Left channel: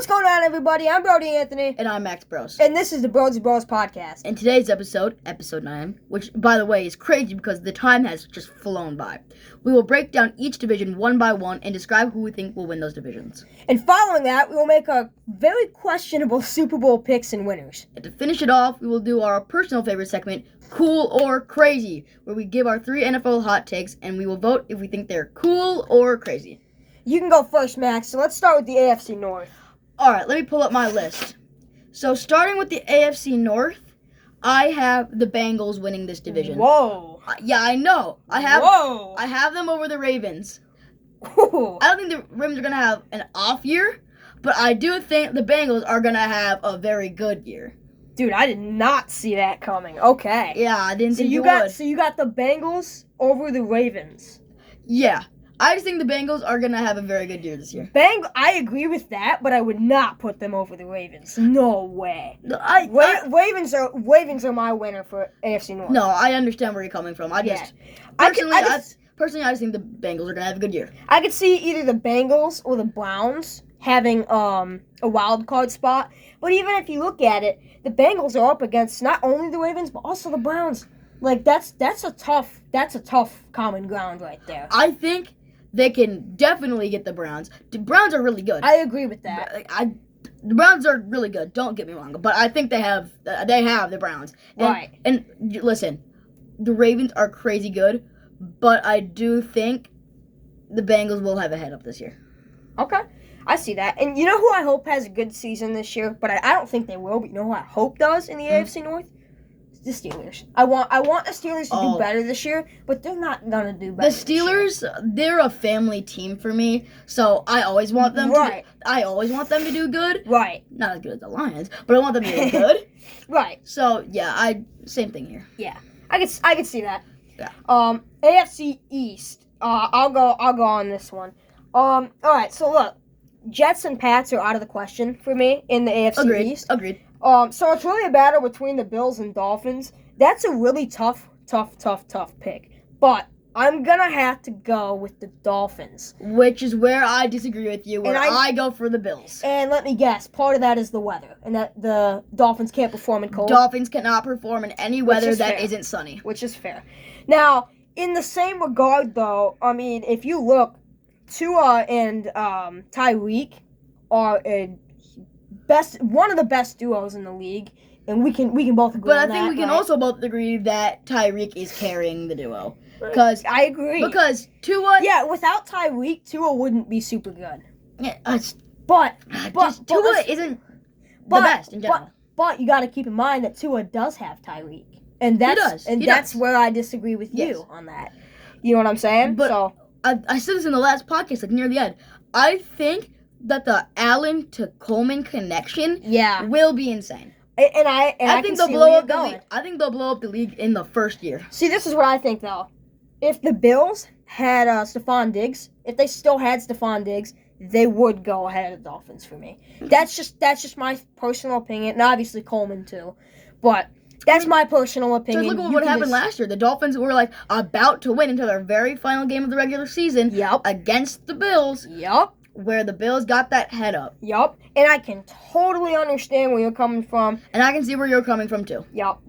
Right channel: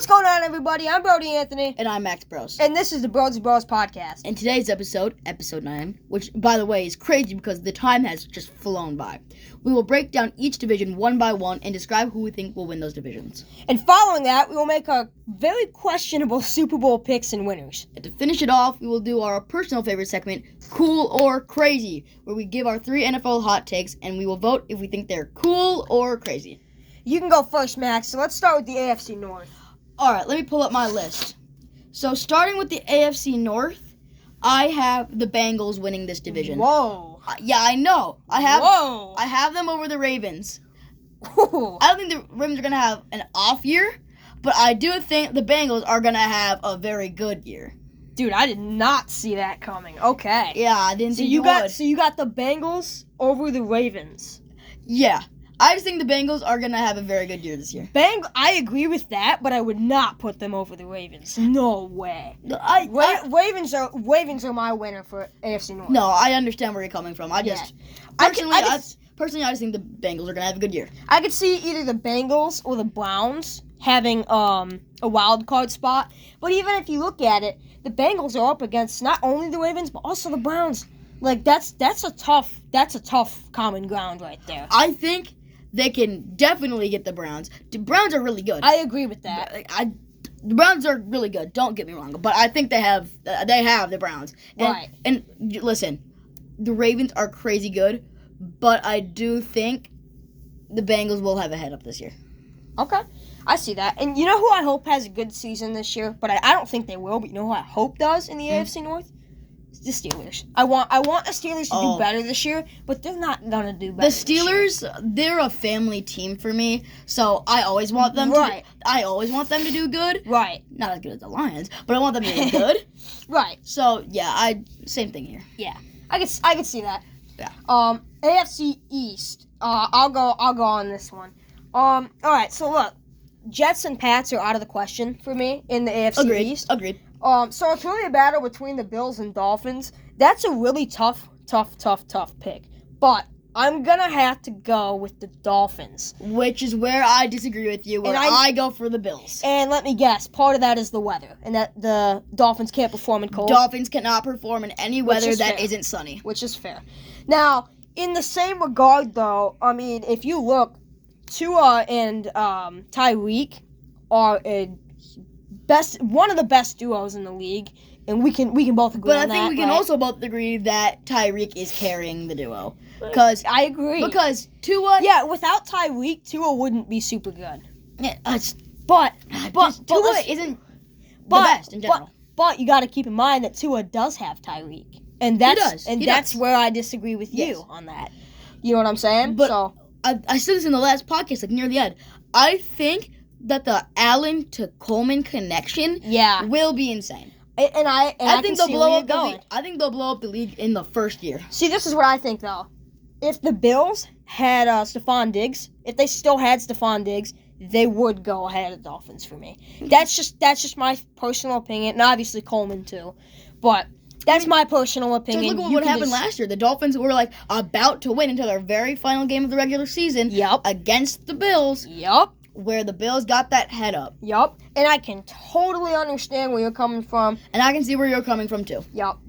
What's going on, everybody? I'm Brody Anthony. And I'm Max Bros. And this is the BROZ podcast. And today's episode 9, which, by the way, is crazy because the time has just flown by. We will break down each division one by one and describe who we think will win those divisions. And following that, we will make our very questionable Super Bowl picks and winners. And to finish it off, we will do our personal favorite segment, Cool or Crazy, where we give our 3 NFL hot takes and we will vote if we think they're cool or crazy. You can go first, Max. So let's start with the AFC North. All right, let me pull up my list. So starting with the AFC North, I have the Bengals winning this division. Whoa. Yeah, I know. I have them over the Ravens. Ooh. I don't think the Ravens are going to have an off year, but I do think the Bengals are going to have a very good year. Dude, I did not see that coming. Okay. Yeah, I didn't think you would. So you got the Bengals over the Ravens. Yeah. I just think the Bengals are going to have a very good year this year. I agree with that, but I would not put them over the Ravens. No way. Ravens are my winner for AFC North. No, I understand where you're coming from. I just personally I just think the Bengals are going to have a good year. I could see either the Bengals or the Browns having a wild card spot. But even if you look at it, the Bengals are up against not only the Ravens but also the Browns. Like that's a tough common ground right there. I think they can definitely get the Browns. The Browns are really good. I agree with that. The Browns are really good. Don't get me wrong, but I think they have the Browns. Right. And listen, the Ravens are crazy good, but I do think the Bengals will have a head up this year. Okay, I see that. And you know who I hope has a good season this year, but I don't think they will. But you know who I hope does in the AFC North? The Steelers. I want the Steelers to do better this year, but they're not gonna do better. The Steelers, they're a family team for me, so I always want them to do good. Right. Not as good as the Lions, but I want them to do good. Right. So yeah, same thing here. Yeah. I could see that. Yeah. AFC East. I'll go on this one. All right. So look, Jets and Pats are out of the question for me in the AFC East. Agreed. So it's really a battle between the Bills and Dolphins. That's a really tough pick. But I'm going to have to go with the Dolphins. Which is where I disagree with you, where I go for the Bills. And let me guess, part of that is the weather, and that the Dolphins can't perform in cold. Dolphins cannot perform in any weather that isn't sunny. Which is fair. Now, in the same regard, though, I mean, if you look, Tua and Tyreek are one of the best duos in the league, and we can both agree on that. But I think we can also both agree that Tyreek is carrying the duo. Because I agree. Because Tua... Yeah, without Tyreek, Tua wouldn't be super good. Yeah, but Tua isn't the best in general. But you got to keep in mind that Tua does have Tyreek. And that's where I disagree with you on that. You know what I'm saying? But I said this in the last podcast, like near the end. I think that the Allen to Coleman connection will be insane. And I think they'll blow up the league. I think they'll blow up the league in the first year. See, this is what I think though. If the Bills had Stephon Diggs, if they still had Stephon Diggs, they would go ahead of the Dolphins for me. That's just my personal opinion, and obviously Coleman too. But that's my personal opinion. Just look at what happened last year. The Dolphins were like about to win until their very final game of the regular season against the Bills. Yep. Where the Bills got that head up. Yup. And I can totally understand where you're coming from. And I can see where you're coming from, too. Yup.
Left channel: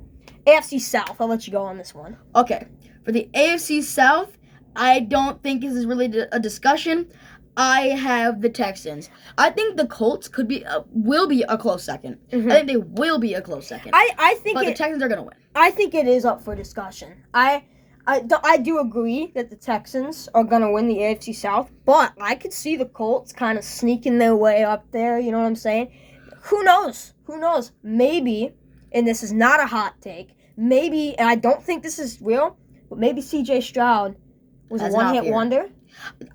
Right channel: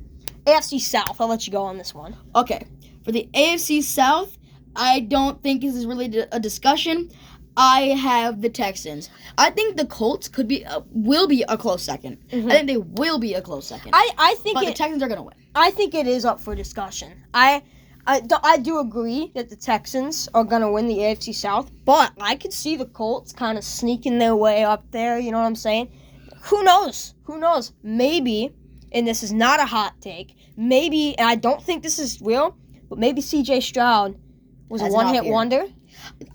AFC South. I'll let you go on this one. Okay. For the AFC South, I don't think this is really a discussion. I have the Texans. I think the Colts will be a close second. Mm-hmm. I think they will be a close second. But the Texans are going to win. I think it is up for discussion. I do agree that the Texans are going to win the AFC South, but I could see the Colts kind of sneaking their way up there, you know what I'm saying? Who knows? Maybe, and this is not a hot take, maybe, and I don't think this is real, but maybe C.J. Stroud was a one-hit wonder.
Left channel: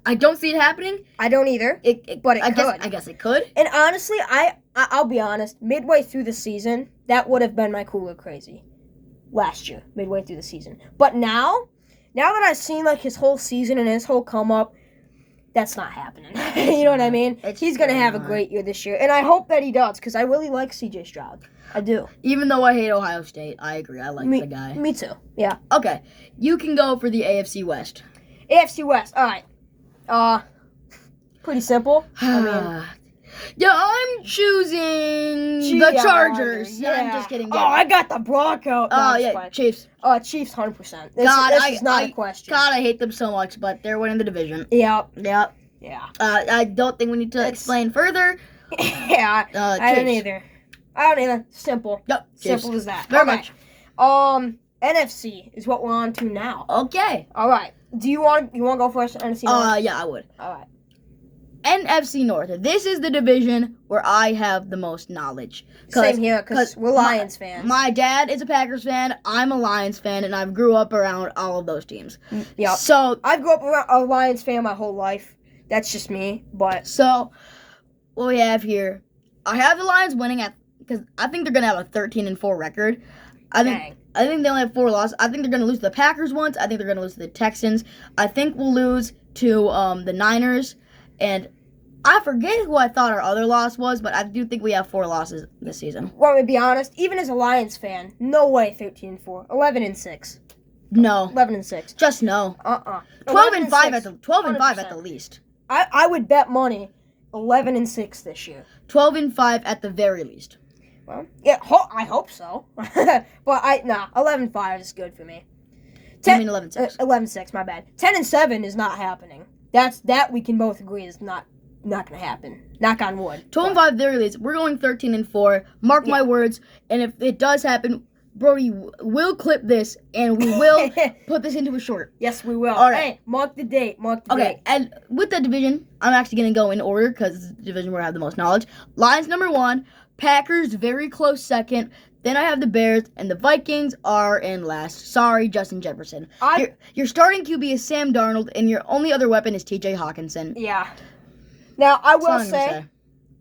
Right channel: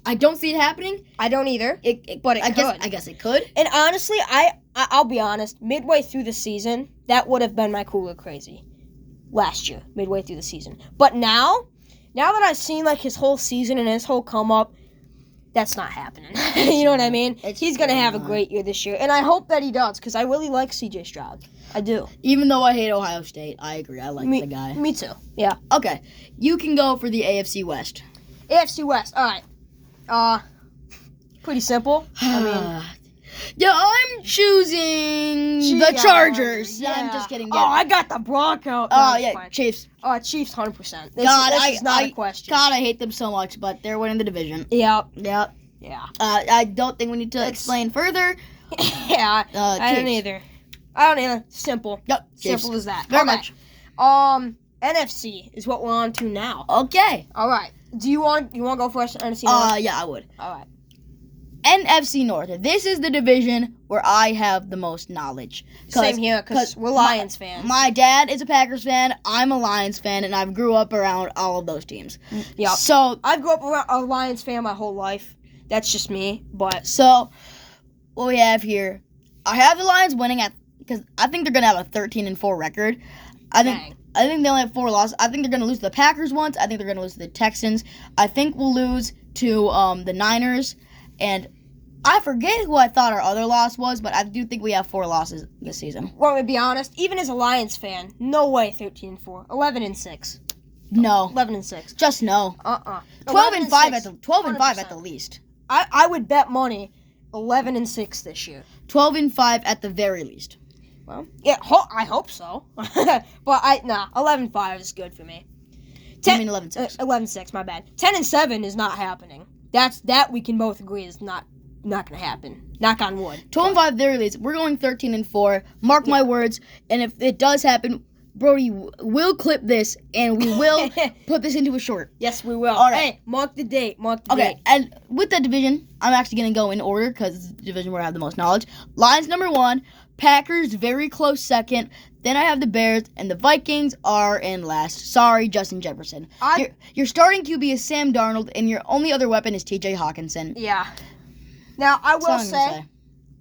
I don't see it happening. I don't either, but it could. I guess it could. And honestly, I'll be honest, midway through the season, that would have been my cool or crazy. Last year, midway through the season. But now that I've seen like his whole season and his whole come up, that's not happening. You know what I mean? He's going to have a great year this year. And I hope that he does, because I really like CJ Stroud. I do. Even though I hate Ohio State, I agree. I like the guy. Me too. Yeah. Okay. You can go for the AFC West. AFC West. All right. Pretty simple. I mean, Yeah, I'm choosing the Chargers. Yeah. I'm just kidding. Oh, I got the Broncos. Oh, yeah, Chiefs. Oh, Chiefs, 100%. This is not a question. God, I hate them so much, but they're winning the division. Yep. Yeah. I don't think we need to explain further. Yeah, I don't either. Simple. Yep. Simple as that. Very much. NFC is what we're on to now. Okay. All right. Do you want to go first? NFC North? Yeah, I would. All right. NFC North. This is the division where I have the most knowledge. Same here, because we're Lions fans. My dad is a Packers fan. I'm a Lions fan, and I've grew up around all of those teams. Yeah. So I grew up around a Lions fan my whole life. That's just me. But so what we have here, I have the Lions winning because I think they're gonna have a 13-4 record. I think they only have 4 losses. I think they're gonna lose to the Packers once. I think they're gonna lose to the Texans. I think we'll lose to the Niners, and I forget who I thought our other loss was, but I do think we have 4 losses this season. Well, to be honest, even as a Lions fan, no way 13-4. 11-6. No. 11-6. Just no. 12-5 at the 12-5 at the least. I would bet money 11-6 this year. 12-5 at the very least. Well, yeah, I hope so. But 11-5 is good for me. I mean 11-6. 11-6, my bad. 10-7 is not happening. That we can both agree is not gonna happen. Knock on wood. 12-5 very least. We're going 13-4. Mark my words. And if it does happen, Brody will clip this and we will put this into a short. Yes, we will. All right. Hey, mark the date. Date. Okay, and with that division, I'm actually going to go in order because it's the division where I have the most knowledge. Lions number 1, Packers very close second. Then I have the Bears, and the Vikings are in last. Sorry, Justin Jefferson. Your starting QB is Sam Darnold, and your only other weapon is T.J. Hawkinson. Yeah. Now, I will say,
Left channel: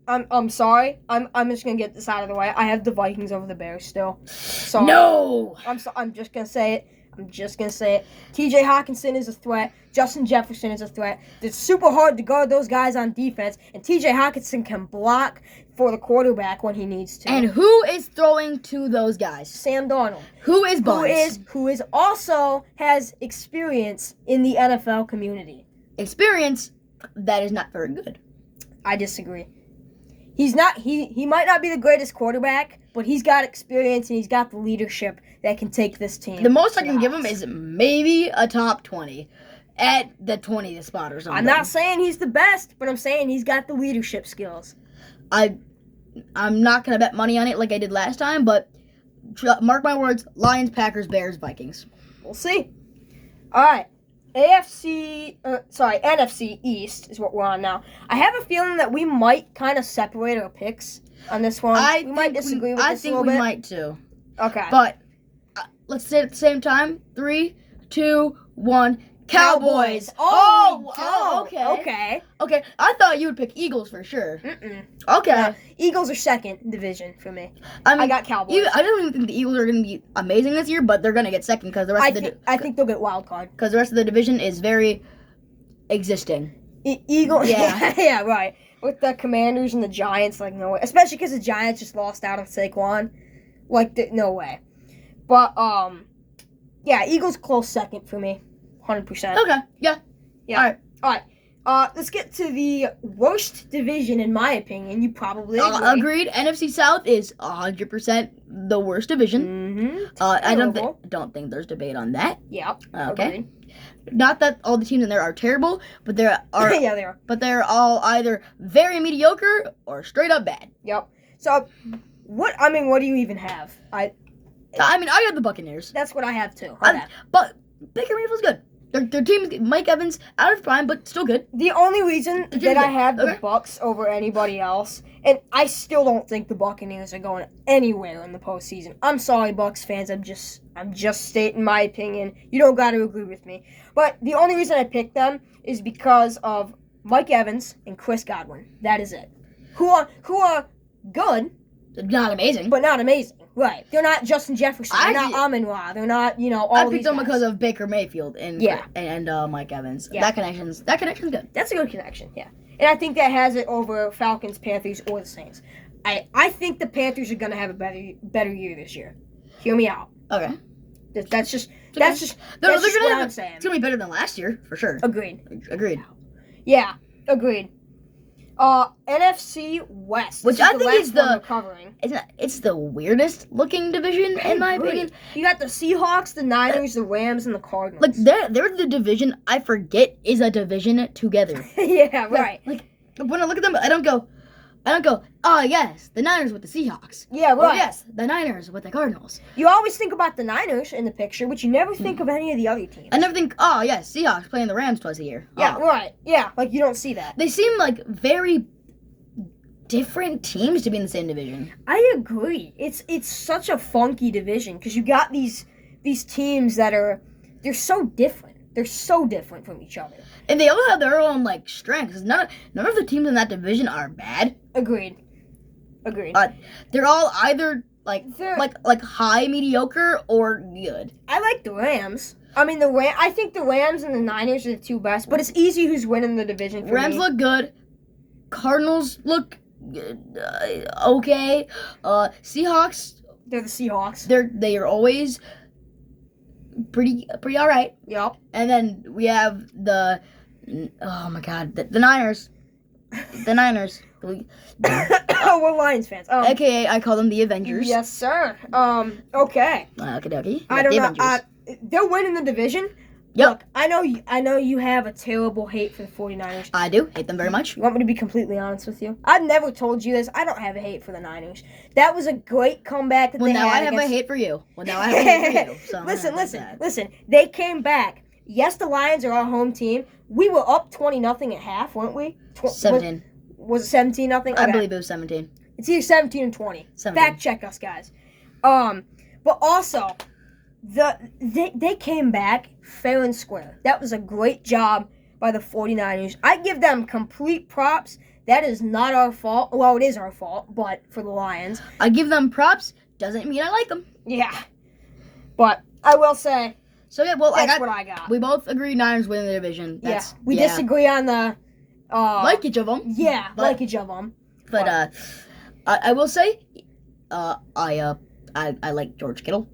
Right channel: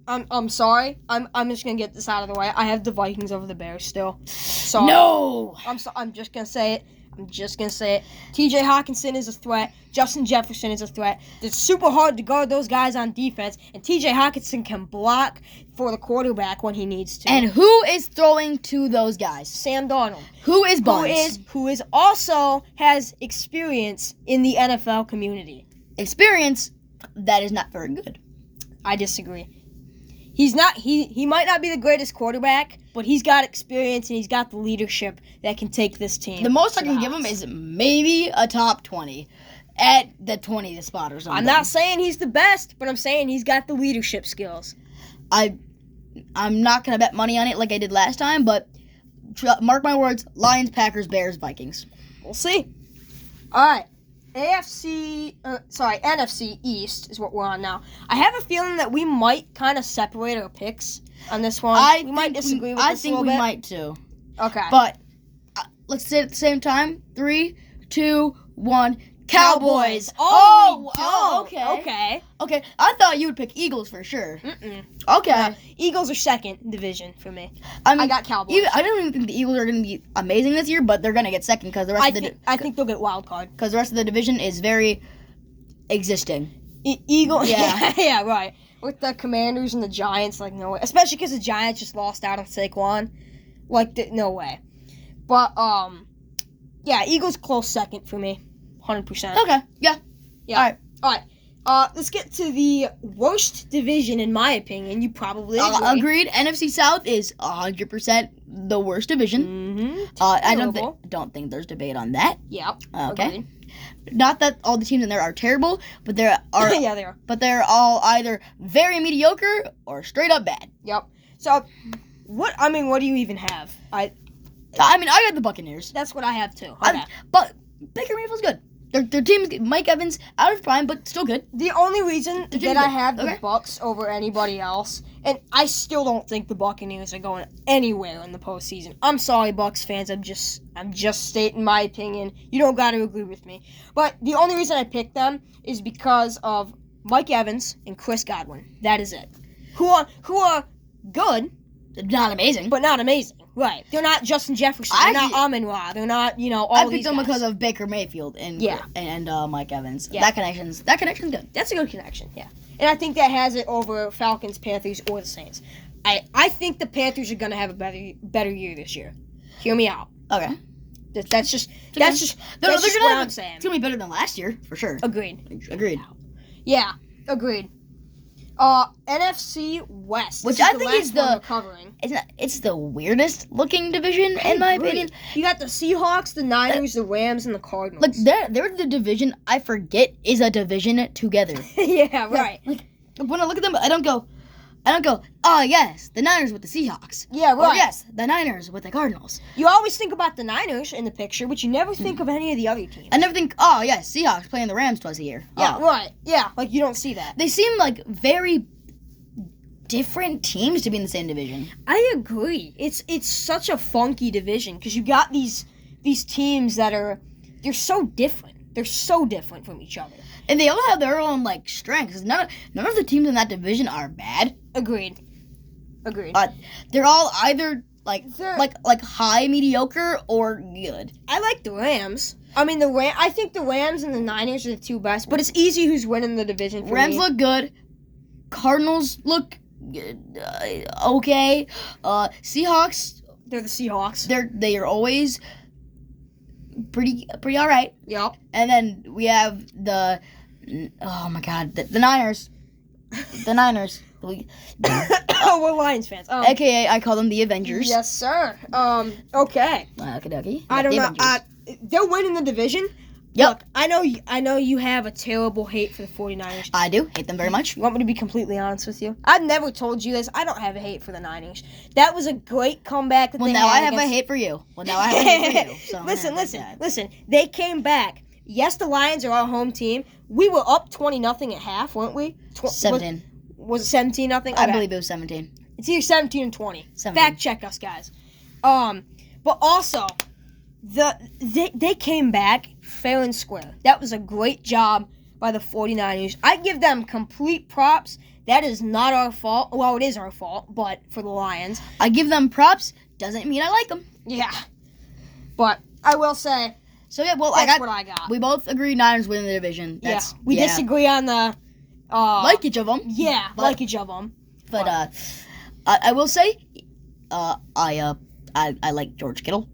I'm sorry. I'm just gonna get this out of the way. I have the Vikings over the Bears still. So no. I'm just gonna say it. T.J. Hawkinson is a threat. Justin Jefferson is a threat. It's super hard to guard those guys on defense, and T.J. Hawkinson can block for the quarterback when he needs to. And who is throwing to those guys? Sam Darnold. Who is Barnes? Who is also has experience in the NFL community. Experience that is not very good. I disagree. He's not. He might not be the greatest quarterback, but he's got experience and he's got the leadership that can take this team. The most I can give him is maybe a top 20, at the 20th spot or something. I'm not saying he's the best, but I'm saying he's got the leadership skills. I'm not gonna bet money on it like I did last time, but mark my words: Lions, Packers, Bears, Vikings. We'll see. All right. NFC East is what we're on now. I have a feeling that we might kind of separate our picks on this one. We might disagree with this a little bit. I think we might too. Okay. But let's say it at the same time. 3, 2, 1. Cowboys. Okay. Okay. I thought you would pick Eagles for sure. Okay. No, Eagles are second division for me. I got Cowboys. I don't even think the Eagles are going to be amazing this year, but they're going to get second because the rest I think they'll get wild card because the rest of the division is very existing. Eagles. Yeah, right. With the Commanders and the Giants, like no way. Especially because the Giants just lost out on Saquon. No way. But yeah, Eagles close second for me. 100%. Okay. Yeah. All right. Let's get to the worst division, in my opinion. You probably agree. Agreed. NFC South is 100% the worst division. I don't think there's debate on that. Yeah. Okay. Agreed. Not that all the teams in there are terrible, but there are. Yeah, they are. But they're all either very mediocre or straight up bad. Yep. So, what do you even have? I got the Buccaneers. That's what I have too. Okay. But Baker Mayfield's good. Their team is Mike Evans out of prime, but still good. The only reason that I have the Bucs over anybody else, and I still don't think the Buccaneers are going anywhere in the postseason. I'm sorry, Bucs fans. I'm just stating my opinion. You don't got to agree with me. But the only reason I picked them is because of Mike Evans and Chris Godwin. That is it. Who are good, not amazing, but not amazing. Right. They're not Justin Jefferson. They're not Amon-Ra. They're not, all I these picked them guys. because of Baker Mayfield and Mike Evans. Yeah. That connection's good. That's a good connection, yeah. And I think that has it over Falcons, Panthers, or the Saints. I think the Panthers are going to have a better year this year. Hear me out. Okay. That's just what I'm saying. It's going to be better than last year, for sure. Agreed. Agreed. Yeah, agreed. NFC West, Which This I the think last is one the- we're covering. It's the weirdest looking division in my agree. opinion. You got the Seahawks, the Niners, the Rams, and the Cardinals. Like they're the division I forget is a division together. Yeah, right. Like when I look at them, I don't go, oh yes, the Niners with the Seahawks. Yeah, Or right. yes, the Niners with the Cardinals. You always think about the Niners in the picture, but you never think of any of the other teams. I never think, oh yes, Seahawks playing the Rams twice a year. Yeah, Oh. right. Yeah, like you don't see that. They seem like very different teams to be in the same division. I agree. It's such a funky division because you got these teams that they're so different. They're so different from each other. And they all have their own like strengths. None of the teams in that division are bad. Agreed. They're all either They're- like high mediocre or good. I like the Rams. I mean, I think the Rams and the Niners are the two best, but it's easy who's winning the division for Rams me. look good. Cardinals look okay. Seahawks, They're the Seahawks. they are always pretty all right. Yep. And then we have the Niners. The Niners. Oh, we're Lions fans. AKA, I call them the Avengers. Yes, sir. Okay. Okay. I don't know. They're winning the division. Yep. Look, I know you have a terrible hate for the 49ers. I do hate them very much. You want me to be completely honest with you? I've never told you this. I don't have a hate for the Niners. That was a great comeback that Well, they now had I have against... a hate for you. So Listen. They came back. Yes, the Lions are our home team. We were up 20-0 at half, weren't we? 17. Was it 17-0? I believe it was 17. It's either 17 and 20. 17. Fact check us, guys. But also, they came back fair and square. That was a great job by the 49ers. I give them complete props. That is not our fault. Well, it is our fault, but for the Lions. I give them props. Doesn't mean I like them. Yeah. But I will say, So yeah, well, that's what I got. We both agree Niners win the division. We disagree on the... like each of them. Yeah, but, like each of them. But I will say, I like George Kittle.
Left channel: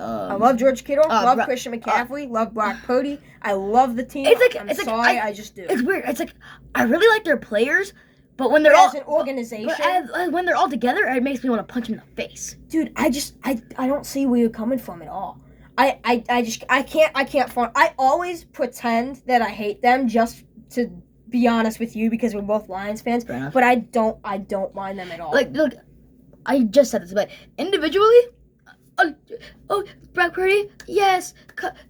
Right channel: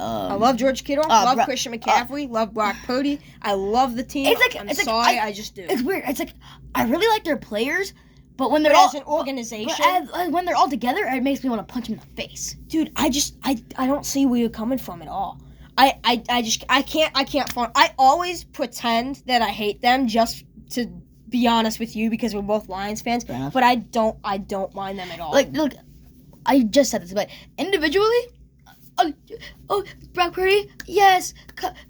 I love George Kittle. Love Bro- Christian McCaffrey. Love Brock Purdy. I love the team. I just do. It's weird. It's like I really like their players, but when they're But all as an organization, when they're all together, it makes me want to punch them in the face. dude, I don't see where you're coming from at all. I can't find. I always pretend that I hate them just to be honest with you because we're both Lions fans. Fair enough. But I don't mind them at all. Like, look, I just said this, but individually, Brock Purdy, yes,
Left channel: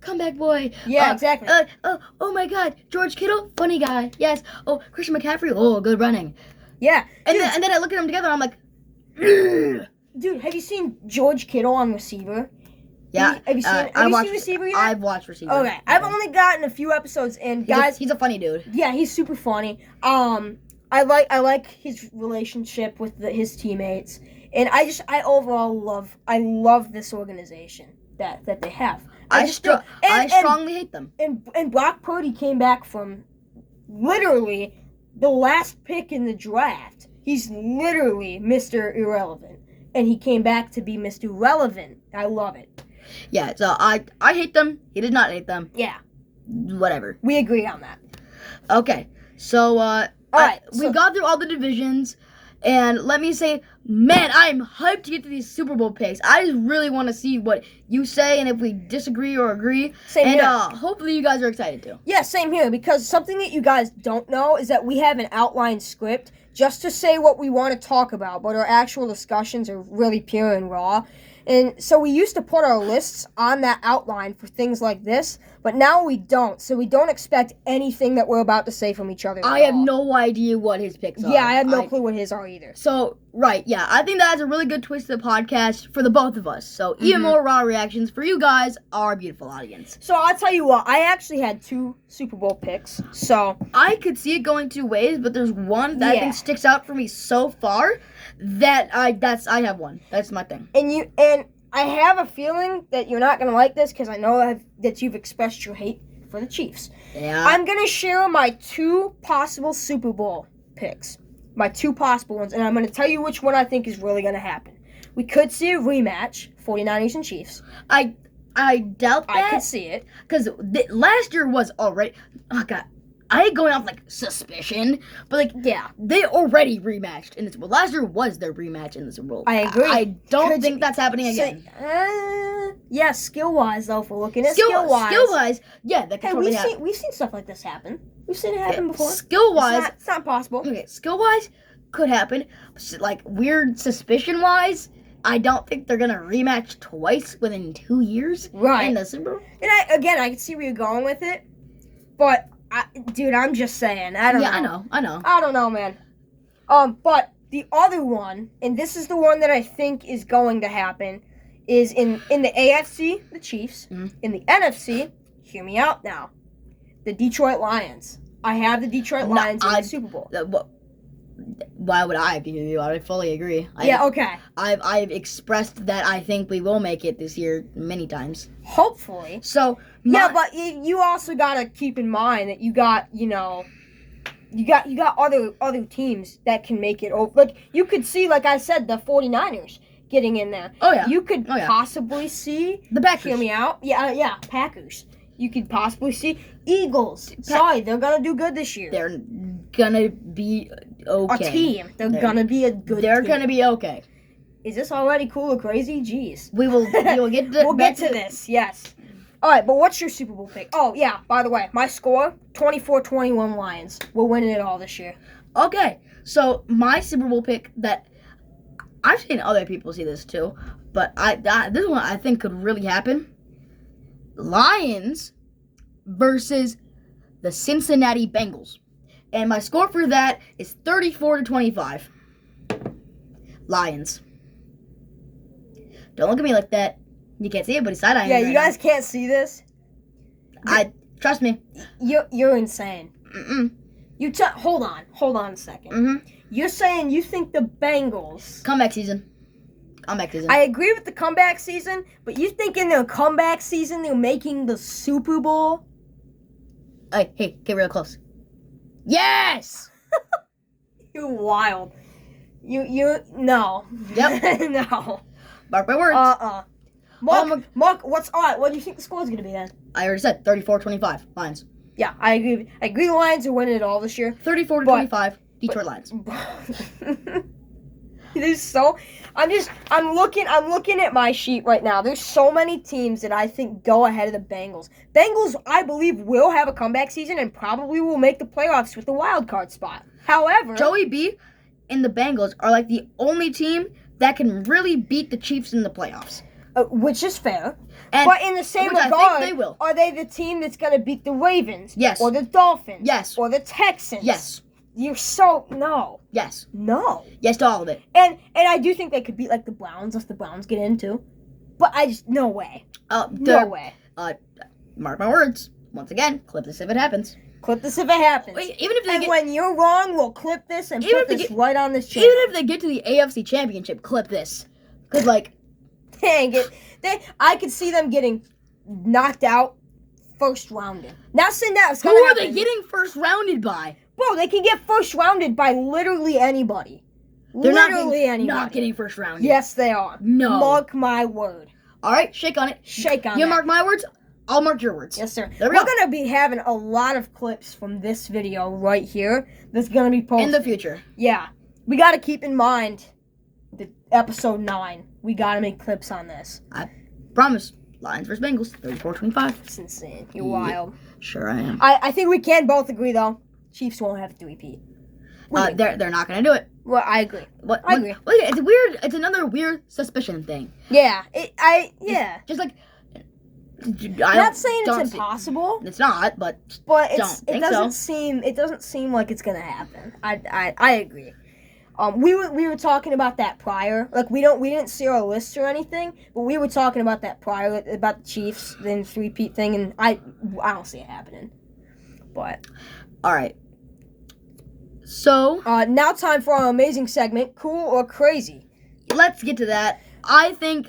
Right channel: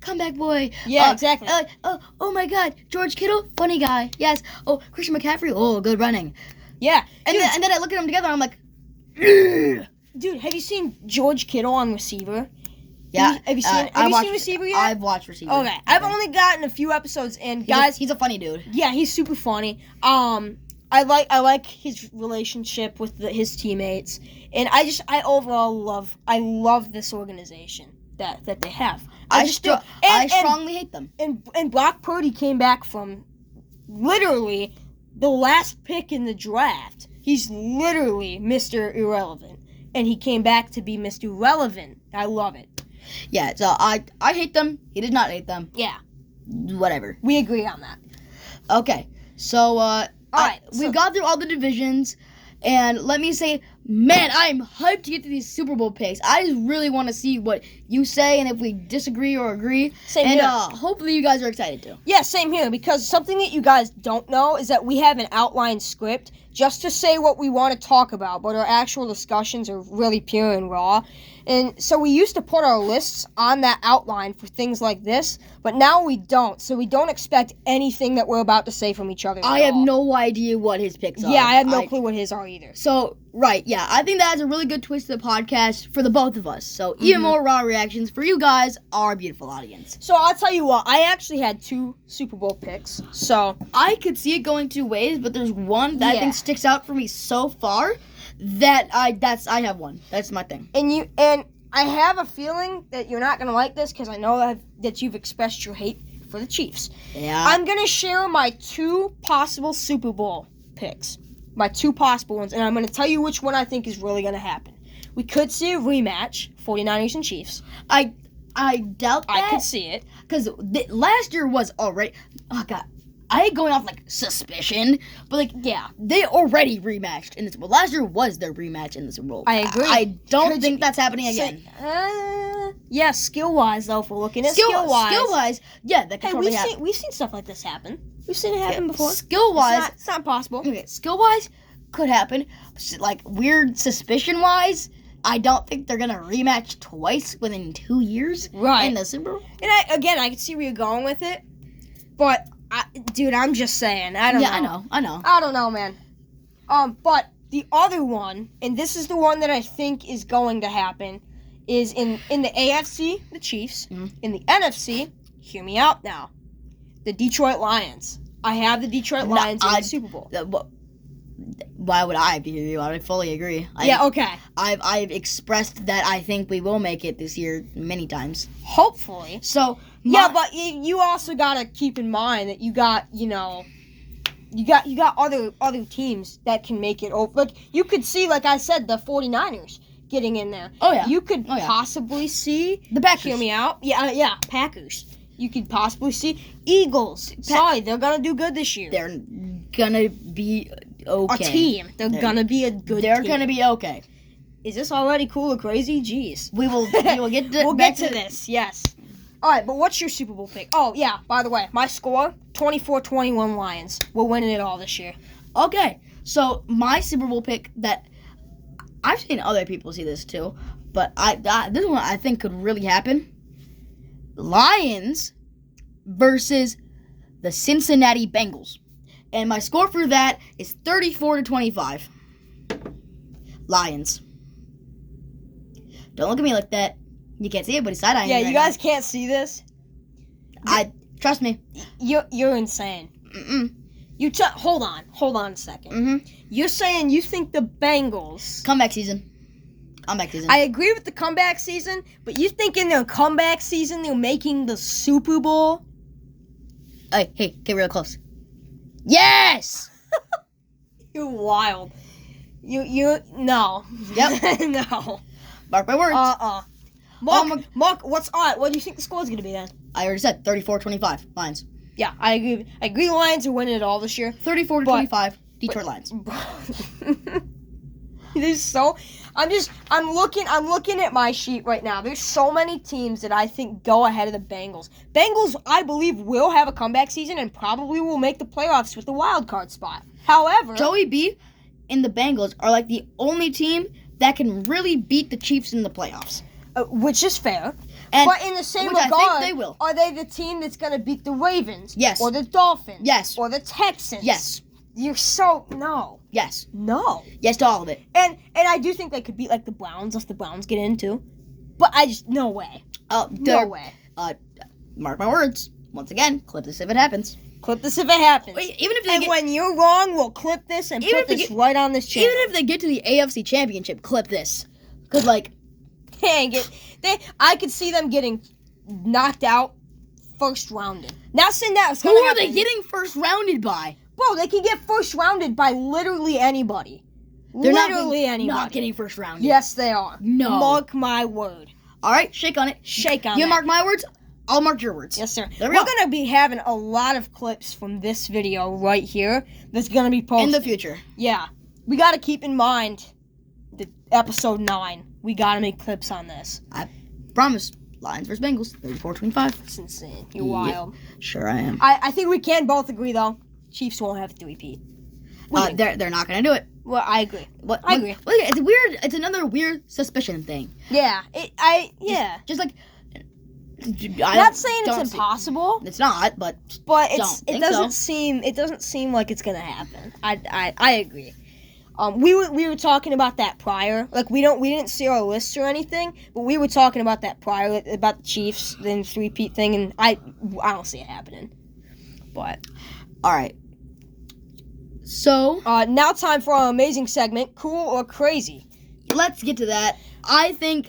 comeback boy. Yeah, exactly. Oh my God, George Kittle, funny guy, yes. Oh, Christian McCaffrey, oh, good running. Yeah, And then I look at them together, and I'm like, ugh. dude, have you seen George Kittle on receiver? Yeah. Have you seen receiver yet? I've watched receiver. Okay, I've only gotten a few episodes in, guys. He's a funny dude. Yeah, he's super funny. I like his relationship with his teammates, and I overall love this organization that they have. I do. strongly hate them. And Brock Purdy came back from literally the last pick in the draft. He's literally Mr. Irrelevant, and he came back to be Mr. Relevant. I love it. Yeah, so I hate them. He does not hate them. Yeah, Whatever. we agree on that. Okay, so we got through all the divisions, and let me say, man, I'm hyped to get to these Super Bowl picks. I just really want to see what you say, and if we disagree or agree. Same and here. Hopefully you guys are excited too. Yeah, same here, because something that you guys don't know is that we have an outline script just to say what we want to talk about, but our actual discussions are really pure and raw. And so we used to put our lists on that outline for things like this, but now we don't. So we don't expect anything that we're about to say from each other. I have no idea what his picks are. Yeah, I have no clue what his are either. So, right, yeah, I think that's a really good twist to the podcast for the both of us. So, even more raw reactions for you guys, our beautiful audience. So I'll tell you what, I actually had 2 Super Bowl picks. So I could see it going 2 ways, but there's one that I think sticks out for me so far that I have one. That's my thing. And I have a feeling that you're not gonna like this because I know that you've expressed your hate for the Chiefs. Yeah. I'm gonna share my 2 possible Super Bowl picks, my 2 possible ones, and I'm gonna tell you which one I think is really gonna happen. We could see a rematch, 49ers and Chiefs. I doubt that. I could see it. Because last year was already... Oh, God. I ain't going off like suspicion, but like Yeah, they already rematched in the Super Bowl. Last year was their rematch in the Super Bowl. I agree. I don't Could think you that's happening again. Yeah, skill wise though, if we're looking at Skill skill wise. wise, yeah, that could Hey, totally happen. we've seen stuff like this happen. We've seen it happen before. Skill wise, It's not possible. okay, skill wise could happen. Like weird suspicion wise, I don't think they're gonna rematch twice within 2 years Right. in the Super Bowl. And I can see where you're going with it, but dude, I'm just saying. I don't know. I know. I don't know, man. But the other one, and this is the one that I think is going to happen, is in the AFC, the Chiefs. Mhm. In the NFC, hear me out now, the Detroit Lions. I have the Detroit No, Lions in the Super Bowl. Why would I be you? I fully agree. Yeah, okay. I've expressed that I think we will make it this year many times. Hopefully. So Yeah, but you also gotta keep in mind that you got other teams that can make it over. Like you could see, like I said, the 49ers getting in there. Oh yeah. You could Oh, yeah. possibly see The Packers. Hear me out. Yeah, Packers. You could possibly see Eagles. Sorry, they're gonna do good this year. They're gonna be okay. A team. They're gonna be a good. They're team. gonna be okay. Is this already cool or crazy? Jeez. We will get to, We'll get to this. Yes. All right, but what's your Super Bowl pick? Oh yeah. By the way, my score 24-21 Lions. We're winning it all this year. Okay, so my Super Bowl pick that I've seen other people see this too, but this one I think could really happen. Lions versus the Cincinnati Bengals. And my score for that is 34-25. Lions. Don't look at me like that. You can't see it, but he's side-eyeing Yeah, me you right guys can't see this. now. Trust me. You're insane. Mm-mm. Hold on a second. Mm-hmm. You're saying you think the Bengals. Comeback season. I agree with the comeback season, but you think in their comeback season they're making the Super Bowl? Hey, get real close. Yes! You're wild. No. Yep. No. Mark my words. Mark, what's alright? What do you think the score's gonna be then? I already said 34-25 Lions. Yeah, I agree. I agree. The Lions are winning it all this year. 34-25 Detroit Lions. There's so. I'm looking at my sheet right now. There's so many teams that I think go ahead of the Bengals. Bengals, I believe, will have a comeback season and probably will make the playoffs with the wild card spot. However, Joey B and the Bengals are like the only team that can really beat the Chiefs in the playoffs. Which is fair. And But in the same which I regard, think they will. are they the team that's going to beat the Ravens? Yes. Or the Dolphins? Yes. Or the Texans? Yes. You're so no. Yes. No. Yes to all of it. And I do think they could beat like the Browns if the Browns get into. But I just no way. No way. Mark my words. Once again, clip this if it happens. Clip this if it happens. Wait, even if they And get, when you're wrong, we'll clip this and Even put if they this get- right on this channel. even if they get to the AFC Championship, clip this. Cause like, Dang it. I could see them getting knocked out first rounded. Not saying that it's who gonna are happen. they getting first rounded by? Bro, they can get first rounded by literally anybody. They're Literally anybody. not getting first rounded. Yes, they are. No. Mark my word. All right, shake on it. Shake on You that. mark my words. I'll mark your words. Yes, sir. There we We're go. going to be having a lot of clips from this video right here that's going to be posted. In the future. Yeah. We got to keep in mind the episode 9. We got to make clips on this. I promise. Lions versus Bengals. 34-25. It's insane. You're Yeah. wild. Sure I am. I think we can both agree, though. Chiefs won't have to repeat. They're not gonna do it. Well, I agree. I agree. It's weird. It's another weird suspicion thing. Yeah. Just like. I'm not saying it's impossible, It's not, but but it doesn't seem like it's gonna happen. I agree. We were talking about that prior. Like we didn't see our list or anything, but we were talking about that prior about the Chiefs, then 3-peat thing, and I don't see it happening. But all right. So now time for our amazing segment, cool or crazy. let's get to that. I think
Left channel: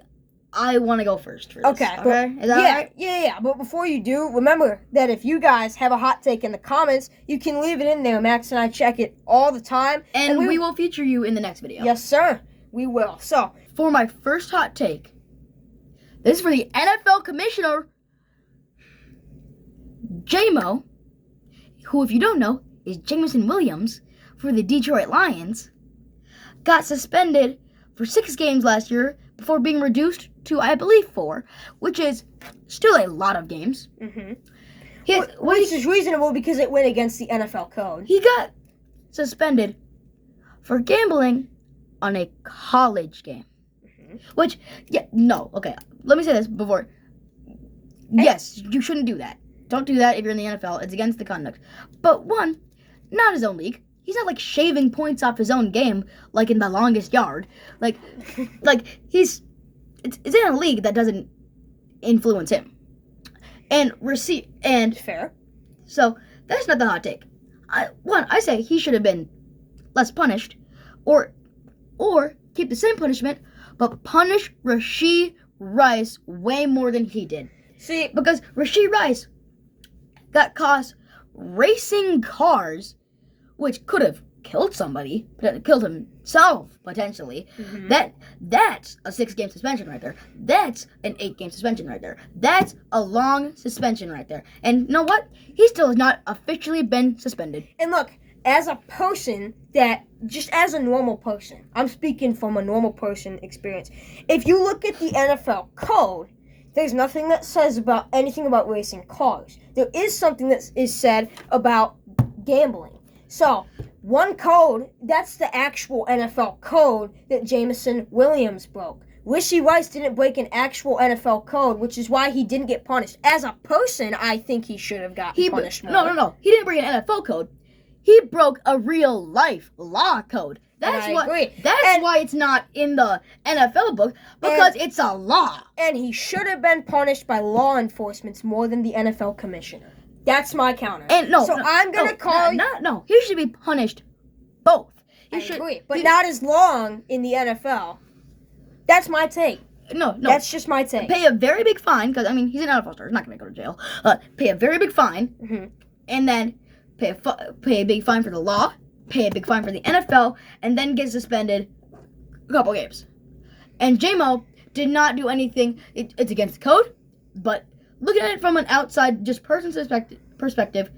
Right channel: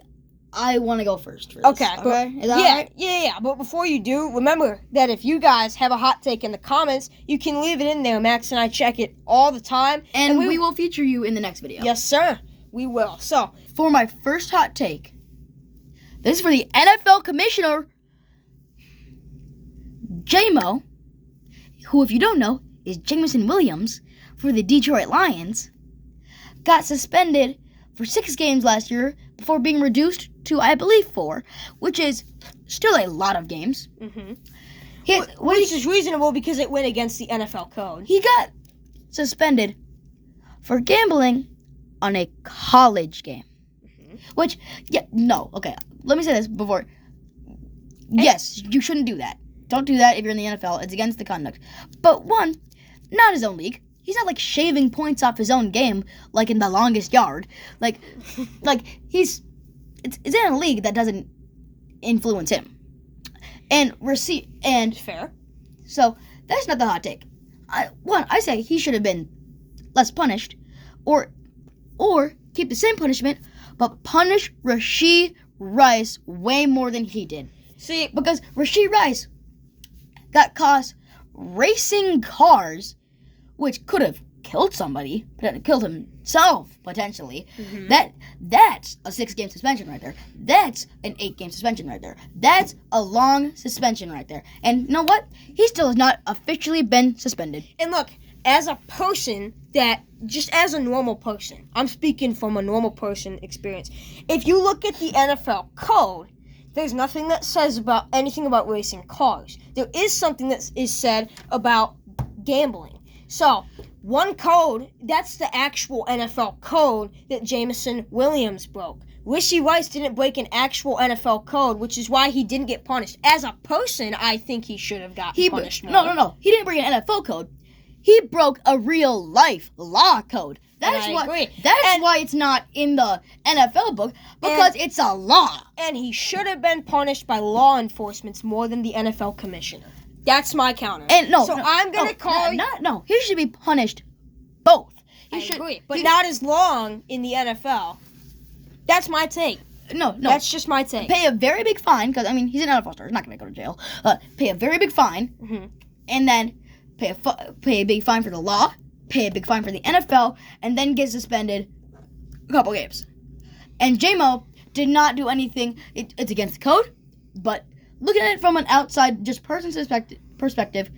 I want to go first. For this. Okay. Okay. Is that all right? Yeah. But before you do, remember that if you guys have a hot take in the comments, you can leave it in there. Max and I check it all the time, And we will feature you in the next video. Yes, sir. We will. So, For my first hot take, this is for the NFL commissioner, J-Mo. who, if you don't know, is Jameson Williams for the Detroit Lions, got suspended for 6 games last year before being reduced to, I believe, 4, which is still a lot of games. Mm-hmm. Which is reasonable because it went against the NFL code. He got suspended for gambling on a college game. Mm-hmm. Which, okay, let me say this before. Yes, you shouldn't do that. Don't do that if you're in the NFL. It's against the conduct. But one, not his own league. He's not like shaving points off his own game like in The Longest Yard. Like it's in a league that doesn't influence him. And Fair. So that's not the hot take. I say he should have been less punished, or keep the same punishment, but punish Rashee Rice way more than he did. See, because Rashee Rice got caught racing cars, which could have killed somebody, killed himself potentially. Mm-hmm. That's a 6-game suspension right there. That's an 8-game suspension right there. That's a long suspension right there. And you know what? He still has not officially been suspended. And look, as a person just as a normal person, I'm speaking from a normal person experience. If you look at the NFL code, there's nothing that says about anything about racing cars. There is something that is said about gambling. So, one code, that's the actual NFL code that Jameson Williams broke. Rashee Rice didn't break an actual NFL code, which is why he didn't get punished. As a person, I think he should have gotten punished more. No. He didn't break an NFL code. He broke a real life law code. That's why it's not in the NFL book, because it's a law. And he should have been punished by law enforcement more than the NFL commissioner. That's my counter. And I'm gonna call he should be punished both. I agree, but not as long in the NFL. That's my take. No. That's just my take. Pay a very big fine, because he's an NFL star. He's not gonna go to jail. Pay a very big fine, mm-hmm. and then pay a big fine for the law. Pay a big fine for the NFL, and then get suspended a couple games. And J-Mo did not do anything. It's against the code, but looking at it from an outside, just person's perspective,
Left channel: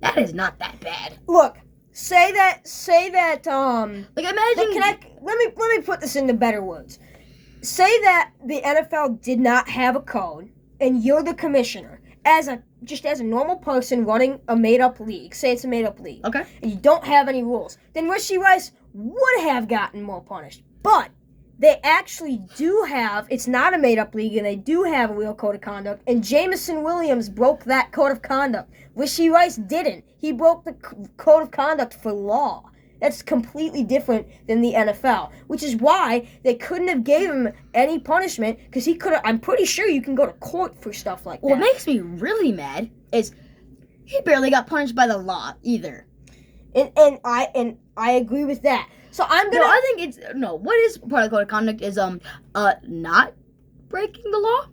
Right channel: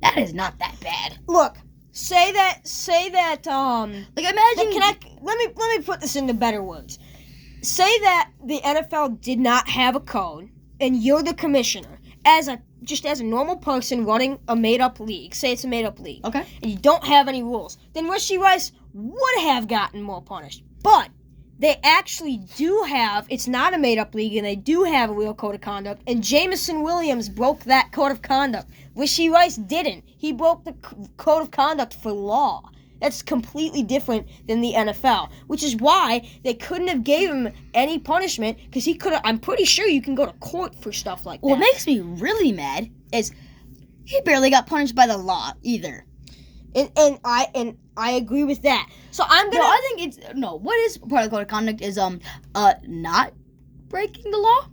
that is not that bad. Look, say that. Like, imagine. Let me put this into better words. Say that the NFL did not have a code, and you're the commissioner. As a normal person running a made-up league, say it's a made-up league, okay, and you don't have any rules, then Rashee Rice would have gotten more punished. But they actually do have, it's not a made-up league, and they do have a real code of conduct, and Jameson Williams broke that code of conduct. Rashee Rice didn't. He broke the code of conduct for law. That's completely different than the NFL, which is why they couldn't have gave him any punishment, because he could have. I'm pretty sure you can go to court for stuff like that. What makes me really mad is he barely got punished by the law either. And I agree with that. So I'm gonna. No, I think it's what is part of the code of conduct is not breaking the law.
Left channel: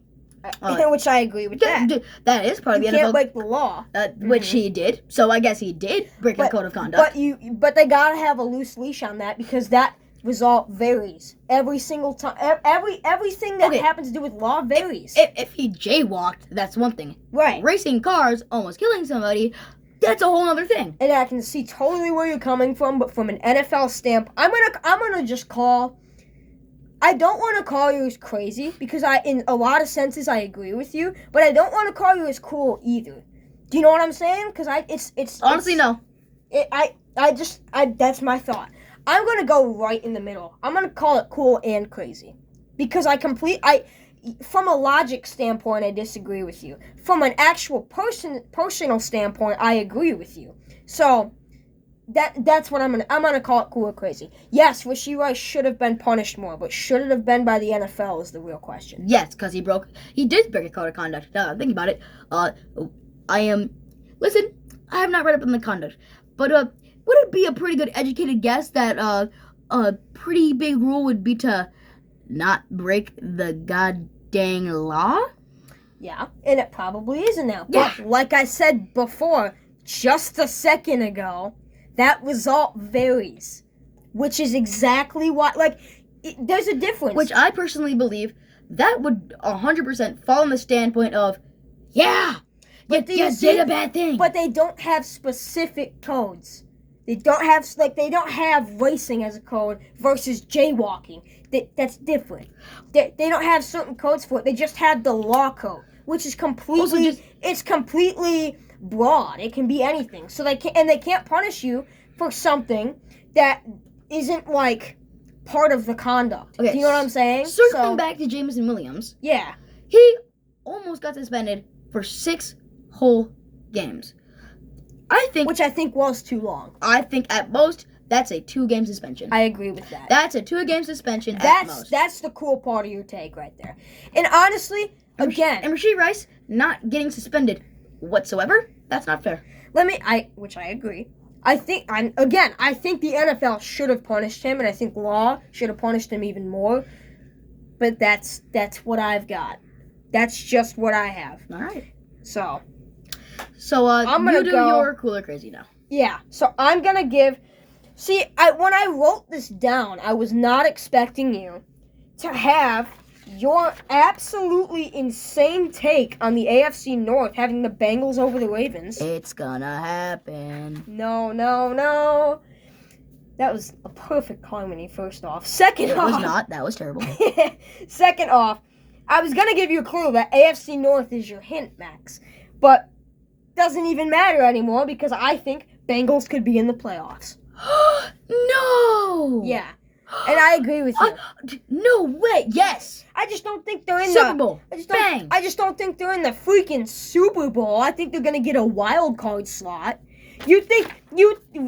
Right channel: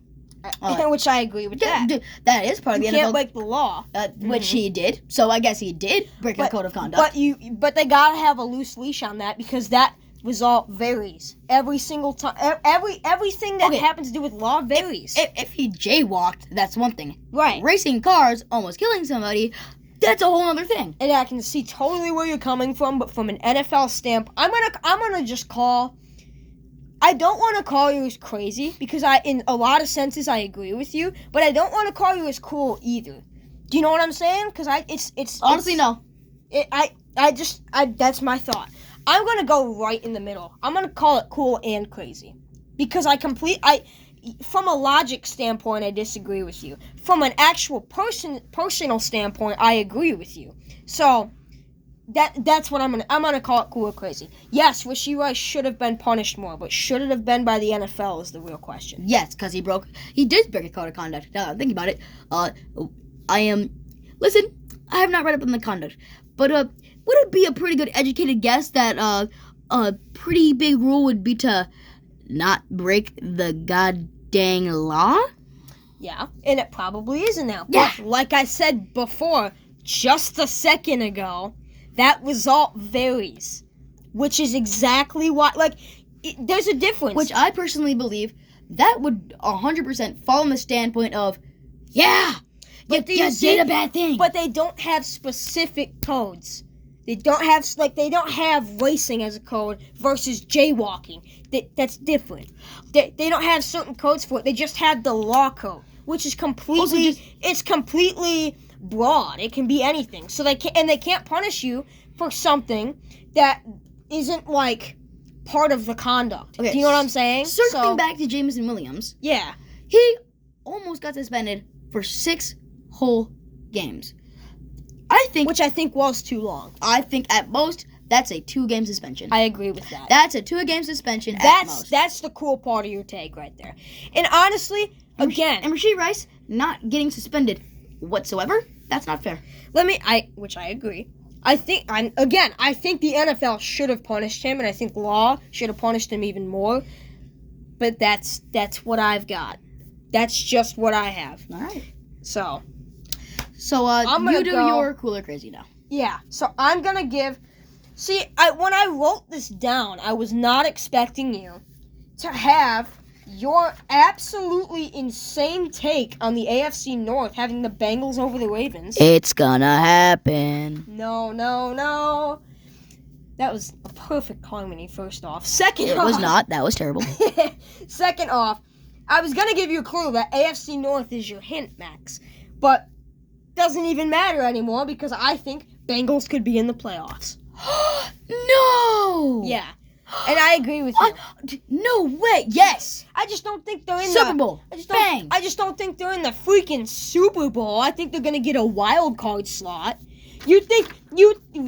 Which I agree with that. That is part of the NFL. You can't break the law. Which he did. So I guess he did break the code of conduct. But they gotta have a loose leash on that, because that result varies every single time. Everything that happens to do with law varies. If he jaywalked, that's one thing. Right. Racing cars, almost killing somebody, that's a whole other thing. And I can see totally where you're coming from, but from an NFL stamp, I'm gonna just call. I don't want to call you as crazy, because in a lot of senses I agree with you, but I don't want to call you as cool either. Do you know what I'm saying? Because it's honestly no. That's my thought. I'm gonna go right in the middle. I'm gonna call it cool and crazy, because from a logic standpoint I disagree with you. From an actual personal standpoint I agree with you. So. That's what I'm gonna call it cool or crazy. Yes, Rashee Rice should have been punished more, but should it have been by the NFL is the real question. Yes, because he did break a code of conduct. Think about it. Listen, I have not read up on the conduct, but would it be a pretty good educated guess that a pretty big rule would be to not break the goddamn law? Yeah, and it probably isn't now. Yeah. But like I said before, just a second ago, that result varies, which is exactly why, there's a difference. Which I personally believe that would 100% fall on the standpoint of, yeah, But you did a bad thing. But they don't have specific codes. They don't have racing as a code versus jaywalking. That's different. They don't have certain codes for it. They just have the law code, which is it's completely broad. It can be anything. So they can't punish you for something that isn't like part of the conduct. Okay, do you know what I'm saying? Circling back to Jameson Williams. Yeah. He almost got suspended for 6 whole games. Which I think was too long. I think at most that's a 2-game suspension. I agree with that. That's a 2-game suspension at most. That's the cool part of your take right there. And honestly, and Rashee Rice not getting suspended whatsoever, that's not fair. Which I agree. I think the NFL should have punished him, and I think law should have punished him even more. But that's what I've got. That's just what I have. All right. So you do your cool or crazy now. Yeah. So I'm gonna give. See, when I wrote this down, I was not expecting you to have your absolutely insane take on the AFC North, having the Bengals over the Ravens. It's gonna happen. No. That was a perfect harmony, first off. Second off... It was not. That was terrible. Second off, I was going to give you a clue that AFC North is your hint, Max. But doesn't even matter anymore because I think Bengals could be in the playoffs. No! Yeah. And I agree with you. No way. Yes. I just don't think they're in Super Bowl. I just don't think they're in the freaking Super Bowl. I think they're going to get a wild card slot.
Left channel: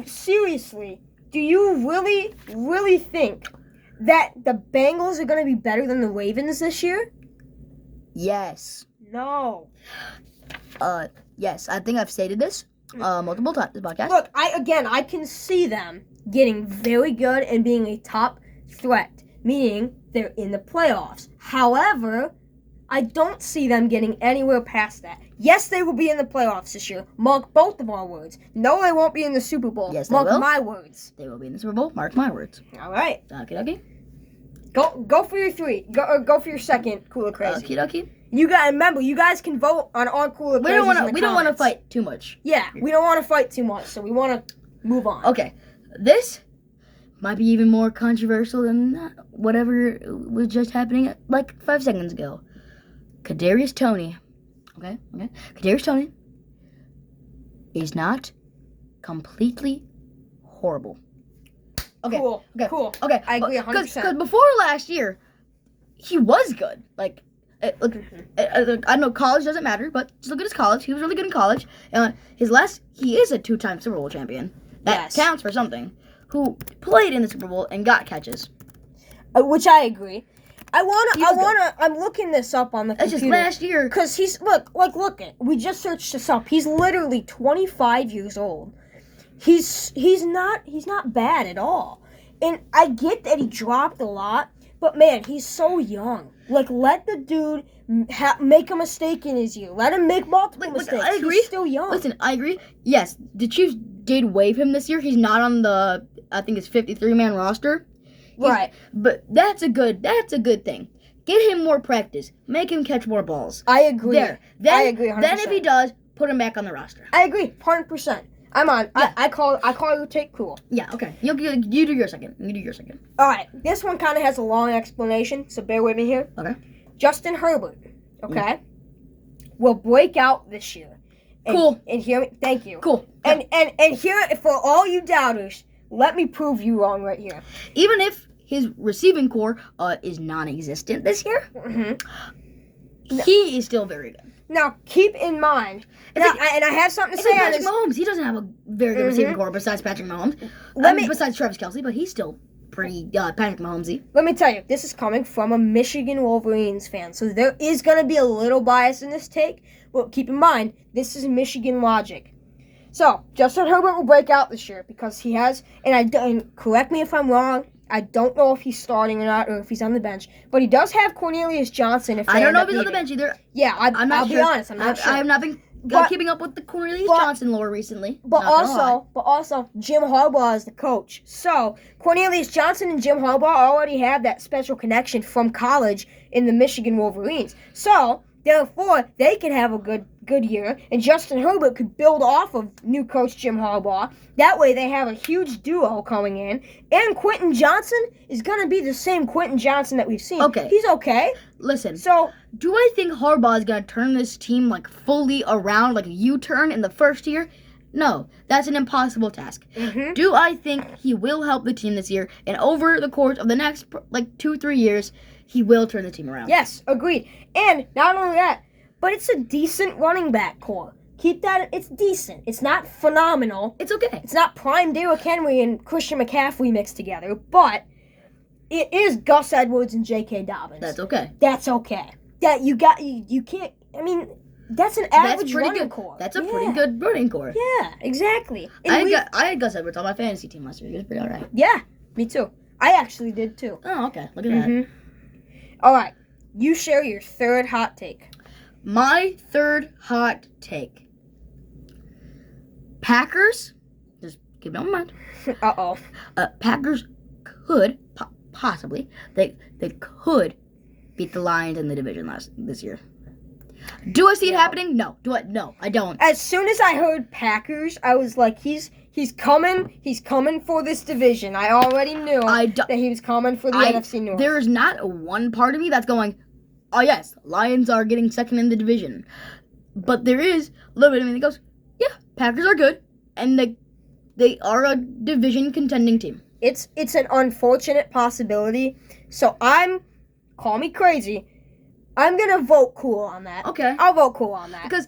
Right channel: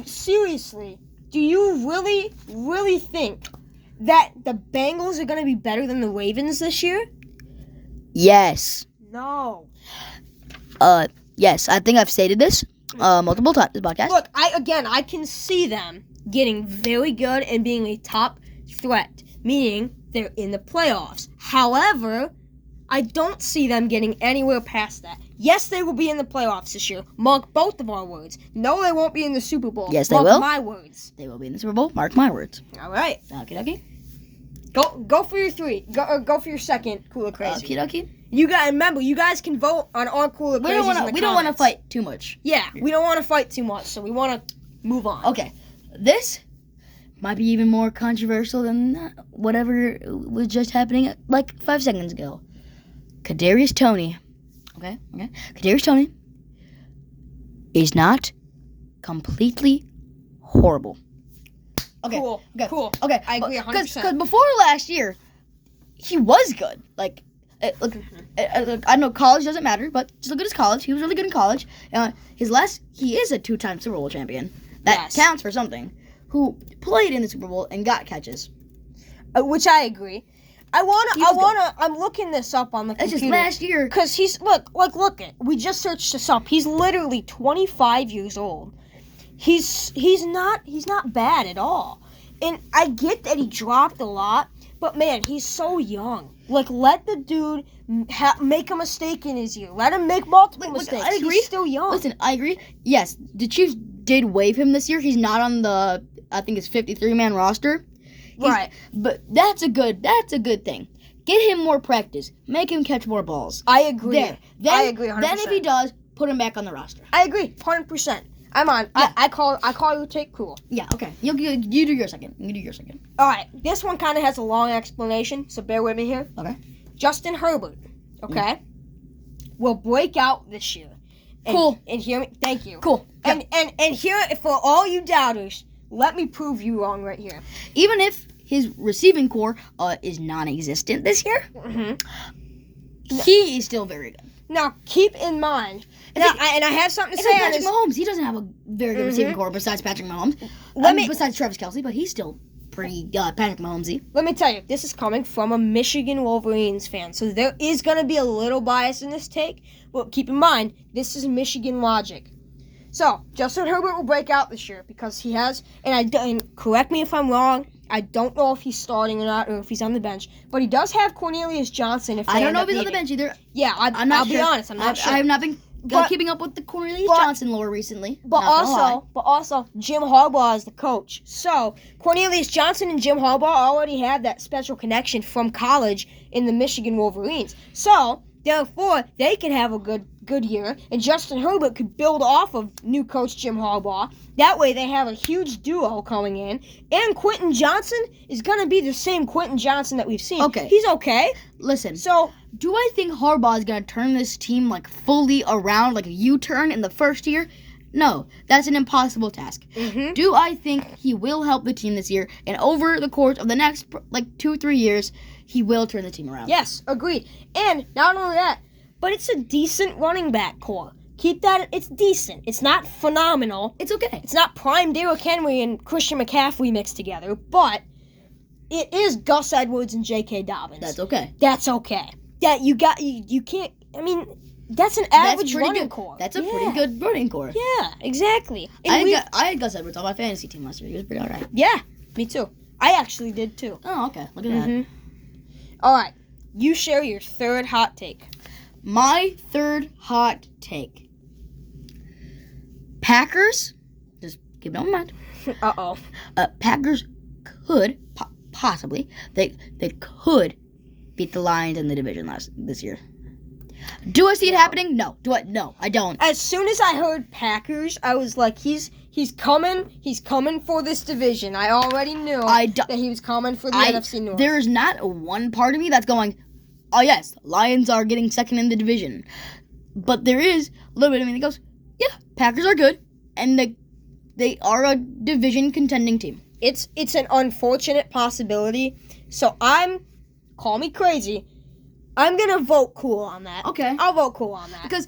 Seriously, do you really, really think that the Bengals are going to be better than the Ravens this year? Yes. No. Yes, I think I've stated this multiple times in this podcast. Look, I can see them getting very good and being a top threat, meaning they're in the playoffs. However, I don't see them getting anywhere past that. Yes, they will be in the playoffs this year. Mark both of our words. No, they won't be in the Super Bowl. Yes, they will. Mark my words. They will be in the Super Bowl. Mark my words. All right. Okay. Go for your 3. Go for your second cool or crazy. Okay. Remember, you guys can vote on our cool or crazy. We don't want to fight too much. Yeah, we don't want to fight too much, so we want to move on. Okay, this might be even more controversial than whatever was just happening like 5 seconds ago. Kadarius Toney. Okay. Kadarius Toney is not completely horrible. Okay. Cool. Okay. I agree 100%. Because before last year, he was good. Like, look, I know college doesn't matter, but just look at his college. He was really good in college. He is a 2-time Super Bowl champion. That counts for something. Who played in the Super Bowl and got catches. Which I agree. I'm looking this up on the computer. It's just last year. Because we just searched this up. He's literally 25 years old. He's not bad at all. And I get that he dropped a lot, but man, he's so young. Like, let the dude make a mistake in his year. Let him make multiple mistakes. I agree. He's still young. Listen, I agree. Yes, the Chiefs did waive him this year. He's not on the, I think it's 53-man roster. Right. But that's a good thing. Get him more practice. Make him catch more balls. I agree. I agree 100%. Then if he does, put him back on the roster. I agree 100%. I'm on. Yeah. I call your take cool. Yeah, okay. You do your second. All right. This one kind of has a long explanation, so bear with me here. Okay. Justin Herbert, okay, will break out this year. And, cool. And hear me. Thank you. Cool. And here, for all you doubters, let me prove you wrong right here. Even if his receiving core is non-existent this year, he is still very good. Now, keep in mind, and I have something to say on Patrick Mahomes. He doesn't have a very good receiving core besides Patrick Mahomes. Besides Travis Kelce, but he's still pretty Patrick Mahomesy. Let me tell you, this is coming from a Michigan Wolverines fan, so there is going to be a little bias in this take, but keep in mind, this is Michigan logic. So, Justin Herbert will break out this year because he has, and correct me if I'm wrong, I don't know if he's starting or not, or if he's on the bench, but he does have Cornelius Johnson. I don't know if he's on the bench either. Yeah, I'll be honest, I'm not sure. I have not been keeping up with the Cornelius Johnson lore recently. But also, Jim Harbaugh is the coach. So, Cornelius Johnson and Jim Harbaugh already have that special connection from college in the Michigan Wolverines. So, Therefore, they could have a good year, and Justin Herbert could build off of new coach Jim Harbaugh. That way, they have a huge duo coming in, and Quentin Johnson is going to be the same Quentin Johnson that we've seen. Okay. He's okay. Listen, So, do I think Harbaugh is going to turn this team like fully around, like a U-turn in the first year? No, that's an impossible task. mhm. Do I think he will help the team this year, and over the course of the next like 2-3 years, he will turn the team around? Yes, agreed. And not only that, but it's a decent running back core. Keep that. It's decent. It's not phenomenal. It's okay. It's not prime Derrick Henry and Christian McCaffrey mixed together, but it is Gus Edwards and J.K. Dobbins. That's okay. That's okay. That you can't. I mean, that's an average pretty running good. core. That's a pretty good running core. Yeah, exactly. And I had Gus Edwards on my fantasy team last year. He was pretty alright. Yeah, me too. I actually did too. Oh, okay. Look at that. All right, you share your third hot take. My third hot take. Packers, just keep it on mind. Uh-oh. Packers could possibly they could beat the Lions in the division this year. Do I see it happening? No. Do I? No, I don't. As soon as I heard Packers, I was like, he's coming. He's coming for this division. I already knew that he was coming for the NFC North. There is not one part of me that's going, oh yes, Lions are getting second in the division. But there is a little bit of me that goes, yeah, Packers are good, and they are a division contending team. It's an unfortunate possibility. So call me crazy. I'm gonna vote cool on that. Okay. I'll vote cool on that. Because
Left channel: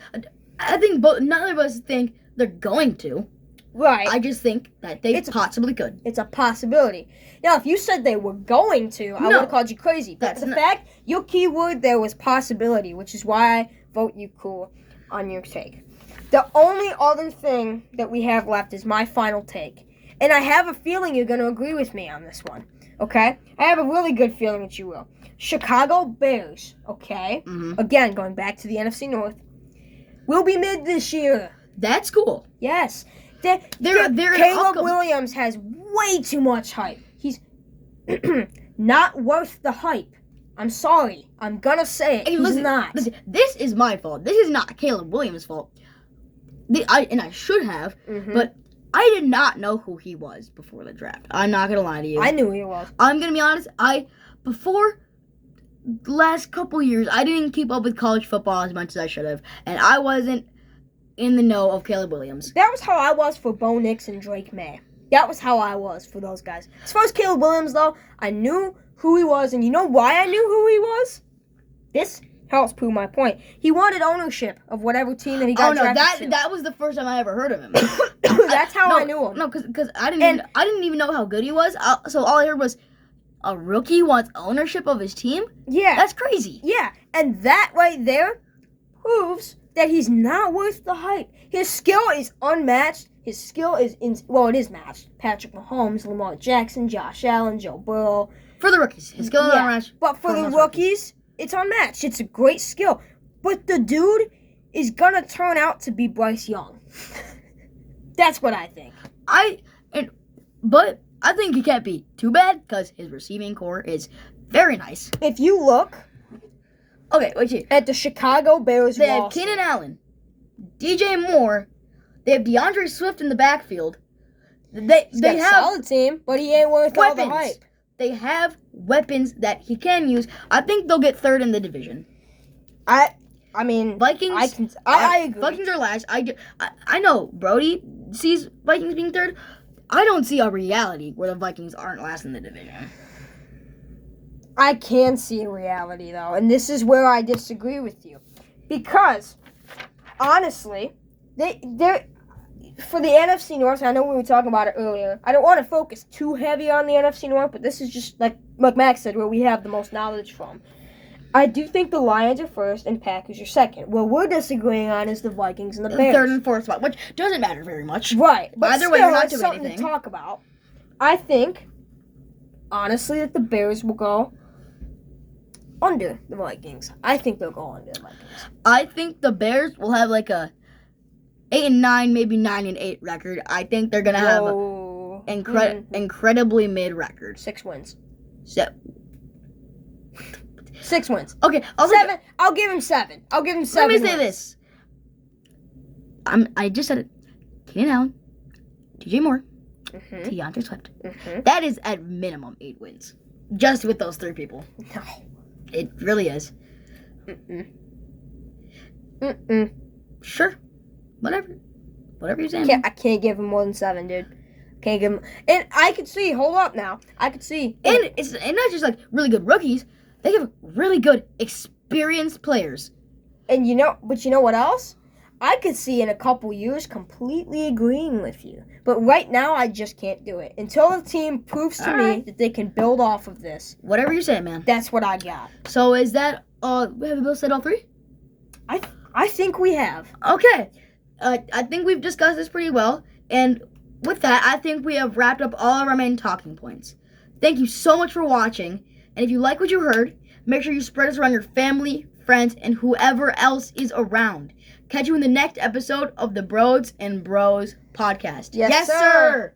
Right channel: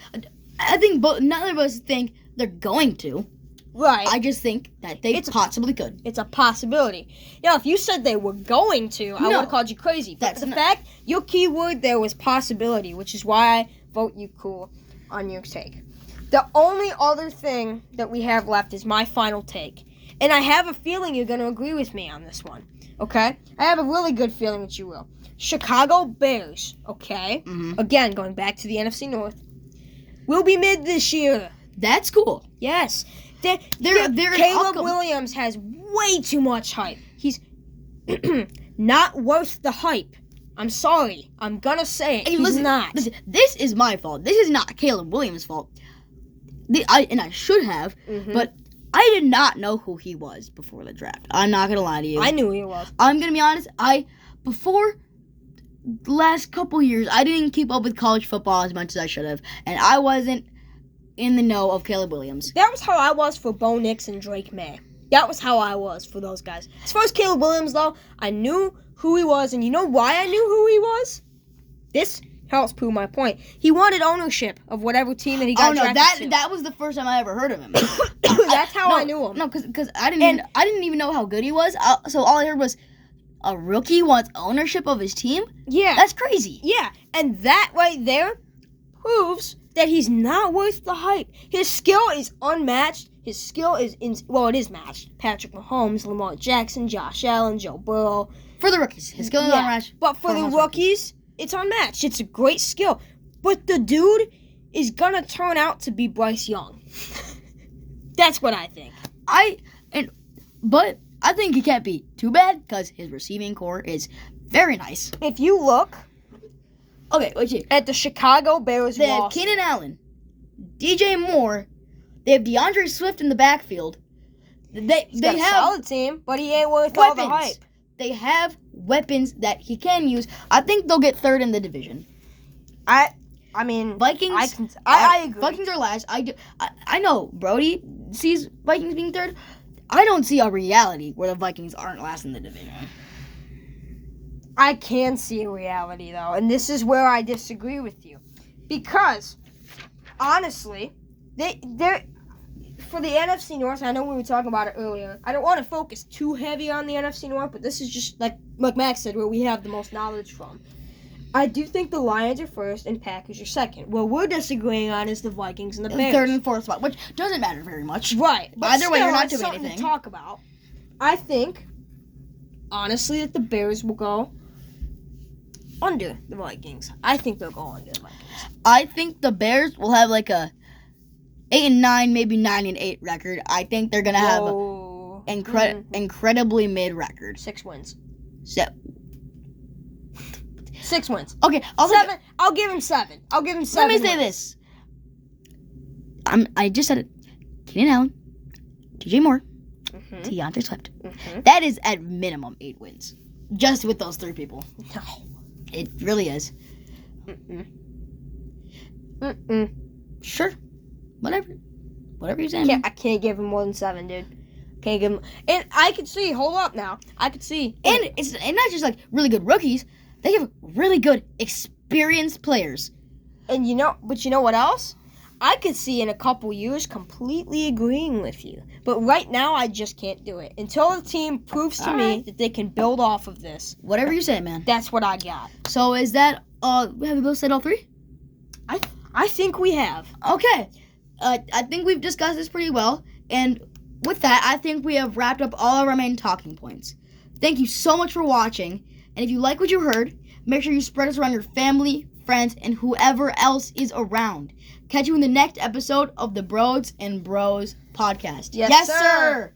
I think none of us think they're going to. Right. I just think that they possibly could. It's a possibility. Now, if you said they were going to, I would have called you crazy. But fact, your key word there was possibility, which is why I vote you cool on your take. The only other thing that we have left is my final take. And I have a feeling you're going to agree with me on this one. Okay? I have a really good feeling that you will. Chicago Bears, okay? Mm-hmm. Again, going back to the NFC North, will be mid this year. That's cool. Yes. Caleb Williams has way too much hype. He's not worth the hype. I'm sorry. I'm going to say it. He's not. Listen, this is my fault. This is not Caleb Williams' fault. I should have, but I did not know who he was before the draft. I'm not going to lie to you. I knew who he was. I'm going to be honest. Before the last couple years, I didn't keep up with college football as much as I should have, and I wasn't in the know of Caleb Williams. That was how I was for Bo Nix and Drake May. That was how I was for those guys. As far as Caleb Williams, though, I knew who he was, and you know why I knew who he was? This helps prove my point. He wanted ownership of whatever team that he got drafted to. That was the first time I ever heard of him. That's how I knew him. No, because I didn't even know how good he was. So all I heard was a rookie wants ownership of his team. Yeah, that's crazy. Yeah, and that right there proves that he's not worth the hype. His skill is unmatched. His skill is it is matched. Patrick Mahomes, Lamar Jackson, Josh Allen, Joe Burrow. For the rookies, his skill is unmatched. But for the rookies, it's unmatched. It's a great skill. But the dude is gonna turn out to be Bryce Young. That's what I think. But I think he can't be too bad because his receiving core is very nice. If you look, wait at the Chicago Bears, they have Keenan Allen, DJ Moore, they have DeAndre Swift in the backfield. They got have a solid team, but he ain't worth all the hype. They have weapons that he can use. I think they'll get third in the division. I mean, Vikings. I agree. Vikings are last. I know Brody sees Vikings being third. I don't see a reality where the Vikings aren't last in the division. I can see a reality, though, and this is where I disagree with you. Because, honestly, they're for the NFC North, I know we were talking about it earlier, I don't want to focus too heavy on the NFC North, but this is just, like Max said, where we have the most knowledge from. I do think the Lions are first and Packers are second. What we're disagreeing on is the Vikings and the Bears. Third and fourth spot, which doesn't matter very much. Right. But either way, you're not doing something anything to talk about. I think, honestly, that the Bears will go under the Vikings. I think they'll go under the Vikings. I think the Bears will have like a 8-9, maybe 9-8 record. I think they're gonna have incredibly mid record. 6 wins. So, 6 wins. Okay, Seven. I'll give him 7. I'll give him 7. Let me say this. I just said it. Keenan Allen, DJ Moore, Deontay Swift. That is at minimum 8 wins. Just with those 3 people. No. It really is. Sure. Whatever you're saying. I can't give him more than 7, dude. Can't give him. And I could see. Hold up now. I could see. And it's not just like really good rookies. They have really good experienced players. And you know what else? I could see in a couple years completely agreeing with you. But right now, I just can't do it. Until the team proves to me that they can build off of this. Whatever you say, man. That's what I got. So is that, have we both said all 3? I think we have. Okay. I think we've discussed this pretty well. And with that, I think we have wrapped up all our main talking points. Thank you so much for watching. And if you like what you heard, make sure you spread us around your family, friends, and whoever else is around. Catch you in the next episode of the BRODS and BROZ podcast. Yes, sir.